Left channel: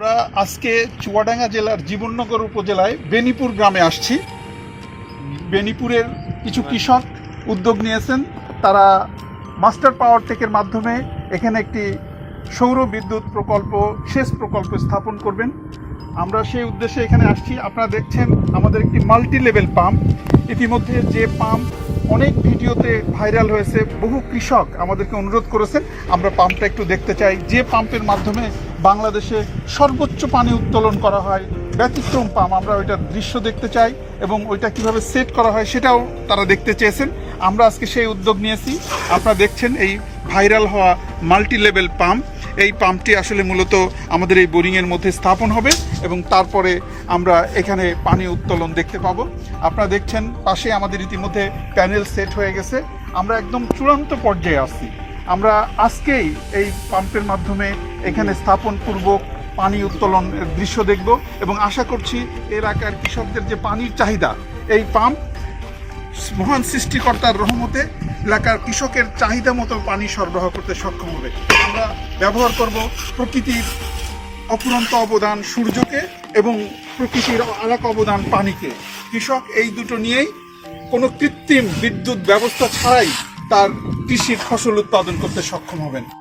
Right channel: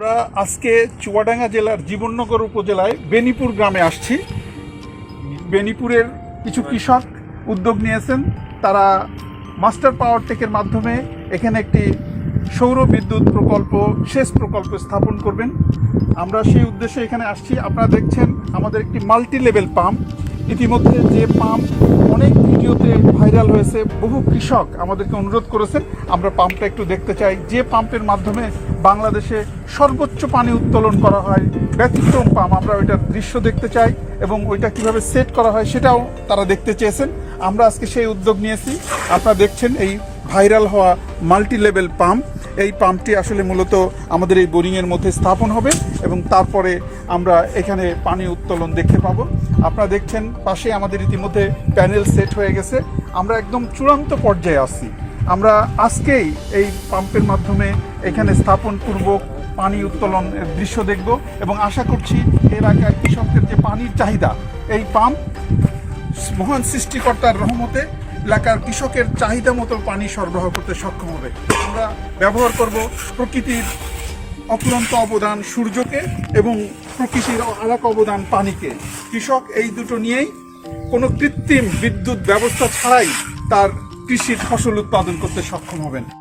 আমরা আজকে চুয়াডাঙ্গা জেলার জীবননগর উপজেলায় বেনিপুর গ্রামে আসছি। বেনিপুরের কিছু কৃষক উদ্যোগ নিয়েছেন। তারা মাস্টার পাওয়ার টেকের মাধ্যমে এখানে একটি সৌর বিদ্যুৎ প্রকল্প সেচ প্রকল্প স্থাপন করবেন। আমরা সেই উদ্দেশ্যে এখানে আসছি। আপনারা দেখছেন আমাদের একটি মাল্টি লেভেল পাম্প। ইতিমধ্যে যে পাম্প অনেক ভিডিওতে ভাইরাল হয়েছে বহু কৃষক আমাদেরকে অনুরোধ করেছেন আমরা পাম্পটা একটু দেখতে চাই। যে পাম্পের মাধ্যমে বাংলাদেশে সর্বোচ্চ পানি উত্তোলন করা হয়, ব্যতিক্রম পাম্প আমরা ওইটার দৃশ্য দেখতে চাই এবং ওইটা কীভাবে সেট করা হয় সেটাও তারা দেখতে চেয়েছেন। আমরা আজকে সেই উদ্যোগ নিয়েছি। আপনারা দেখছেন এই ভাইরাল হওয়া মাল্টি লেভেল পাম্প। এই পাম্পটি আসলে মূলত আমাদের এই বোরিংয়ের মধ্যে স্থাপন হবে এবং তারপরে আমরা এখানে পানি উত্তোলন দেখতে পাবো। আপনারা দেখছেন পাশে আমাদের ইতিমধ্যে প্যানেল সেট হয়ে গেছে। আমরা একদম চূড়ান্ত পর্যায়ে আসছি আমরা আজকেই এই পাম্পের মাধ্যমে এখানে স্থাপন পূর্বক পানি উত্তোলনের দৃশ্য দেখব এবং আশা করছি এলাকার কৃষকদের যে পানির চাহিদা, এই পাম্প মহান সৃষ্টিকর্তার রহমতে এলাকার কৃষকের চাহিদা মতো পানি সরবরাহ করতে সক্ষম হবে। আমরা ব্যবহার করব প্রকৃতির অপুরন্ত অবদান সূর্যকে এবং প্রকৃতির আর এক অবদান পানিকে। কৃষক এই দুটো নিয়েই কোনো কৃত্রিম বিদ্যুৎ ব্যবস্থা ছাড়াই তার কৃষির ফসল উৎপাদন করতে সক্ষম হবেন।